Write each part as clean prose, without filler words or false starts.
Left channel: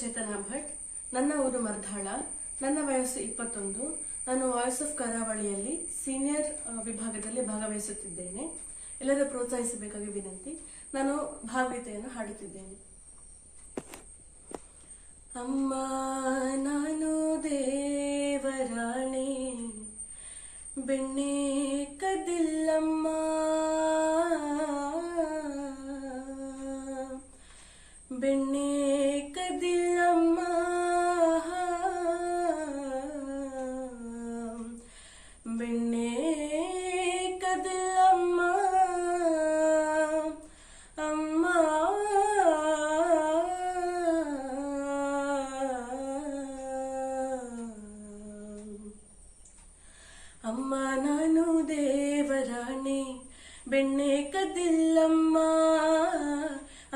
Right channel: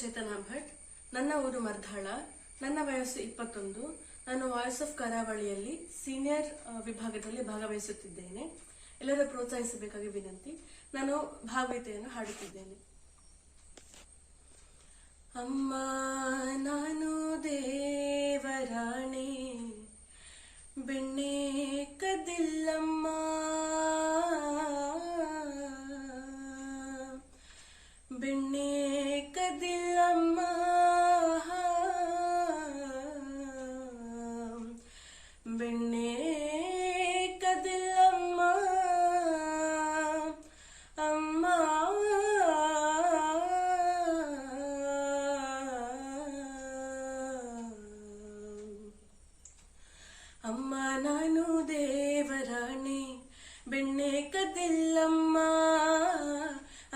ಚೇತನಾ ಭಟ್. ನನ್ನ ಊರು ಮರ್ಧಾಳ. ನನ್ನ ವಯಸ್ಸು 21. ನಾನು ವಾಯ್ಸ್ ಆಫ್ ಕರಾವಳಿಯಲ್ಲಿ ಸೀನಿಯರ್ ವಿಭಾಗದಲ್ಲಿ ಭಾಗವಹಿಸುತ್ತಿದ್ದೇನೆ. ಎಲ್ಲರೂ ಪ್ರೋತ್ಸಾಹಿಸಬೇಕಾಗಿ ವಿನಂತಿ. ನಾನು ಭಾವಗೀತೆಯನ್ನು ಹಾಡುತ್ತಿದ್ದೇನೆ. ಅಮ್ಮ ನಾನು ದೇವರಾಣೆ, ಬೆಣ್ಣೆ ಕದಿಲ್ಲಮ್ಮ, ಬೆಣ್ಣೆ ಕದಿಲ್ಲಮ್ಮ, ಬೆಣ್ಣೆ ಕದಿಲ್ಲಮ್ಮ, ಅಮ್ಮ ಅಮ್ಮ ನಾನು ದೇವರಾಣೆ, ಬೆಣ್ಣೆ ಕದಿಲ್ಲಮ್ಮ,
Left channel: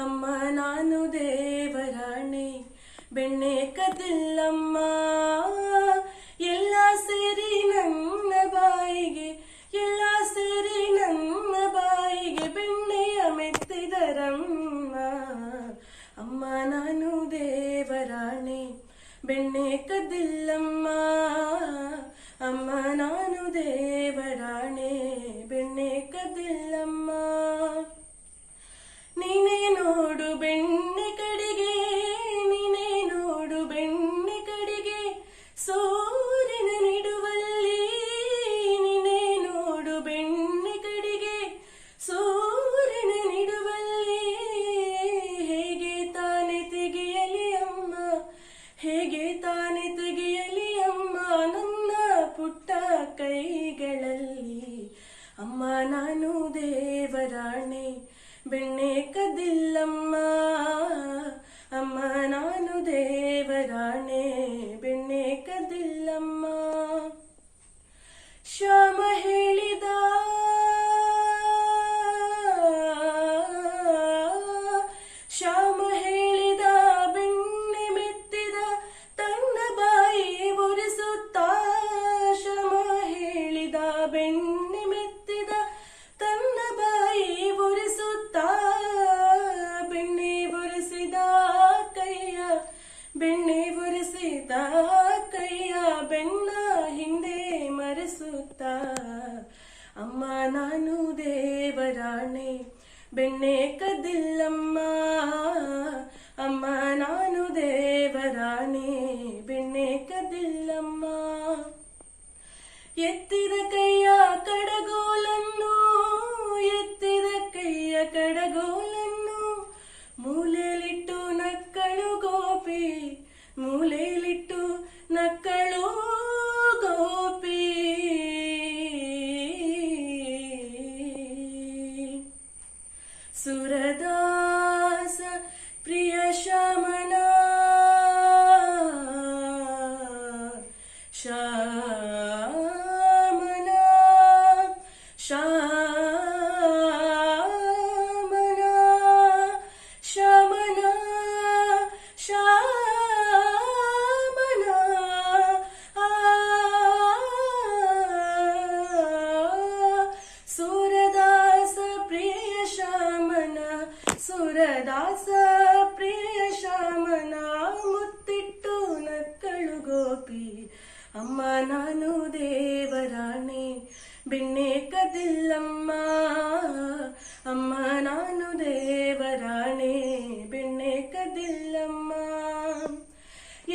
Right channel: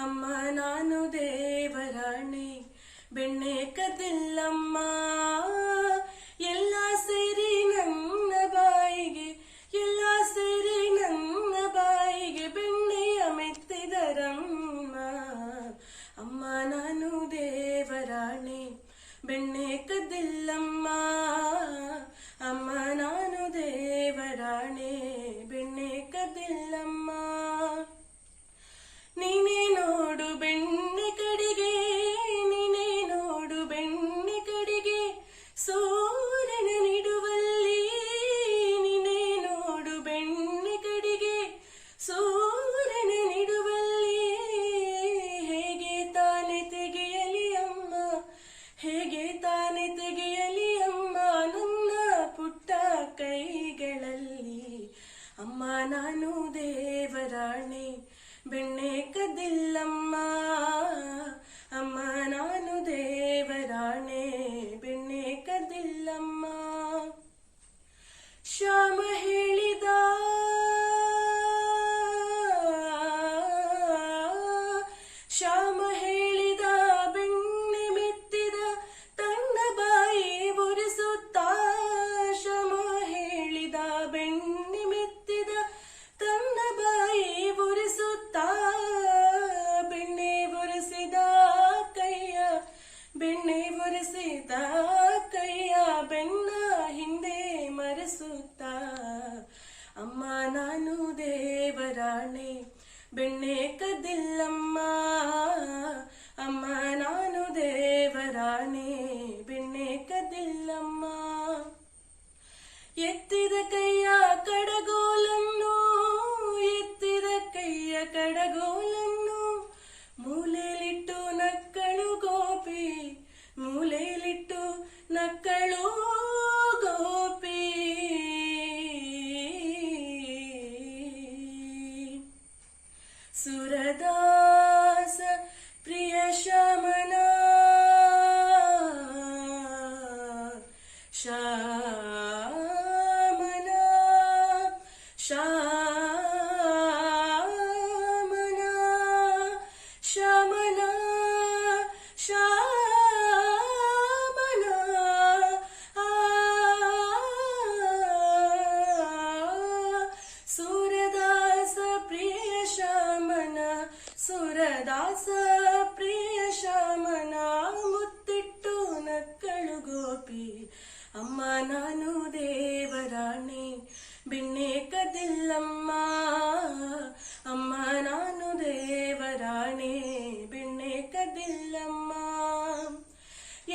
ಅಮ್ಮ ನಾನು ದೇವರಾಣೆ, ಬೆಣ್ಣೆ ಕದಿಲ್ಲಮ್ಮ. ಎಲ್ಲ ಸೇರಿ ನನ್ನ ಬಾಯಿಗೆ, ಎಲ್ಲ ಸೇರಿ ನನ್ನ ಬಾಯಿಗೆ ಬೆಣ್ಣೆಯ ಮೆತ್ತಿದರಮ್ಮ, ಅಮ್ಮ ನಾನು ದೇವರಾಣೆ, ಬೆಣ್ಣೆ ಕದಿಲ್ಲಮ್ಮ, ಅಮ್ಮ ನಾನು ದೇವರಾಣೆ, ಬೆಣ್ಣೆ ಕದಿಲ್ಲಮ್ಮ. ನೀನೇ ನೋಡು ಬೆಣ್ಣೆ ಕಡೆಗೆ, ನೀನೇ ನೋಡು ಬೆಣ್ಣೆ ಕಡೆಗೆ, ಸೂರ್ಯನ ನಿಡುವಲ್ಲಿ, ನೀನೇ ನೋಡು ಬೆಣ್ಣೆ ಕಡೆಗೆ, ಸೂರ್ಯನ ನಿಡುವಲ್ಲಿ. ಹೇಗೆ ತಾನೆ ತೆಗೆಯಲಿ ಅಮ್ಮ, ಹೇಗೆ ತಾನೆ ತೆಗೆಯಲಿ ಅಮ್ಮ, ನನ್ನ ಪುಟ್ಟ ಕೈಗಳಲ್ಲಿ, ಅಮ್ಮ ನಾನು ದೇವರಾಣೆ, ಬೆಣ್ಣೆ ಕದಿಲ್ಲಮ್ಮ, ಅಮ್ಮ ನಾನು ದೇವರಾಣೆ, ಬೆಣ್ಣೆ ಕದಿಲ್ಲಮ್ಮ. ಶ್ಯಾಮ ಹೇಳಿದ, ಶ್ಯಾಮ ಹೇಳಿದ, ಬೆಣ್ಣೆ ಮೆತ್ತಿದ ತನ್ನ ಬಾಯಿ ಒರೆಸುತ್ತಾ, ಶ್ಯಾಮ ಹೇಳಿದ ಬೆಣ್ಣೆ ಮೆತ್ತಿದ ತನ್ನ ಬಾಯಿ ಒರೆಸುತ್ತಾ, ಬೆಣ್ಣೆ ಒರೆಸಿದ ಕೈಯ, ಬೆಣ್ಣೆ ಒರೆಸಿದ ಕೈಯ ಬೆನ್ನ ಹಿಂದೆ ಮರೆಸುತ್ತಾ, ಅಮ್ಮ ನಾನು ದೇವರಾಣೆ, ಬೆಣ್ಣೆ ಕದಿಲ್ಲಮ್ಮ, ಅಮ್ಮ ನಾನು ದೇವರಾಣೆ, ಬೆಣ್ಣೆ ಕದಿಲ್ಲಮ್ಮ. ಎತ್ತಿದ ಕೈಯ ಕಡಗೋಲನ್ನು, ಎತ್ತಿದ ಕೈಯ ಕಡಗೋಲನ್ನು, ಮೂಲೆಯಲ್ಲಿಟ್ಟು ನಕ್ಕಳು ಗೋಪಿ, ಮೂಲೆಯಲ್ಲಿಟ್ಟು ನಕ್ಕಳು ಗೋಪಿ. ಸುರದಾಸ ಪ್ರಿಯ ಶ್ಯಾಮನ, ಶ್ಯಾಮನ, ಶ್ಯಾಮನ, ಶ್ಯಾಮನ, ಶ್ಯಾಮನ, ಸುರದಾಸ ಪ್ರಿಯ ಶ್ಯಾಮನ, ಸುರದಾಸ ಪ್ರಿಯ ಶ್ಯಾಮನ, ಮುತ್ತಿಟ್ಟು ನಕ್ಕಳು ಗೋಪಿ, ಅಮ್ಮ ನಾನು ದೇವರಾಣೆ, ಬೆಣ್ಣೆ ಕದಿಲ್ಲಮ್ಮ, ಅಮ್ಮ ನಾನು ದೇವರಾಣೆ, ಬೆಣ್ಣೆ ಕದಿಲ್ಲಮ್ಮ.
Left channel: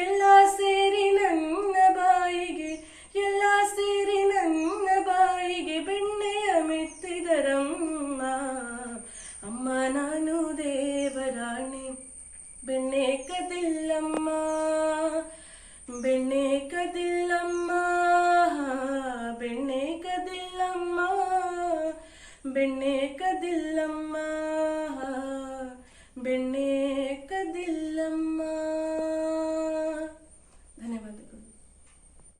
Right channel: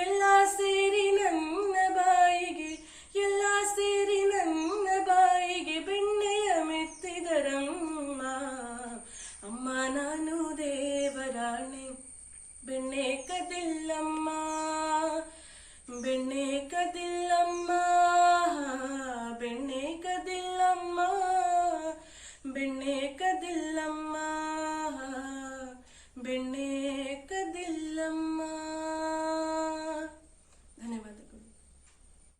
ಎಲ್ಲ ಸೇರಿ ನನ್ನ ಬಾಯಿಗೆ, ಎಲ್ಲ ಸೇರಿ ನನ್ನ ಬಾಯಿಗೆ ಬೆಣ್ಣೆಯ ಮೆತ್ತಿದರಮ್ಮ, ಅಮ್ಮ ನಾನು ದೇವರಾಣೆ, ಬೆಣ್ಣೆ ಕದಿಲ್ಲಮ್ಮ, ಬೆಣ್ಣೆ ಕದಿಲ್ಲಮ್ಮ, ಬೆಣ್ಣೆ ಕದಿಲ್ಲಮ್ಮ, ಬೆಣ್ಣೆ ಕದಿಲ್ಲಮ್ಮ, ಬೆಣ್ಣೆ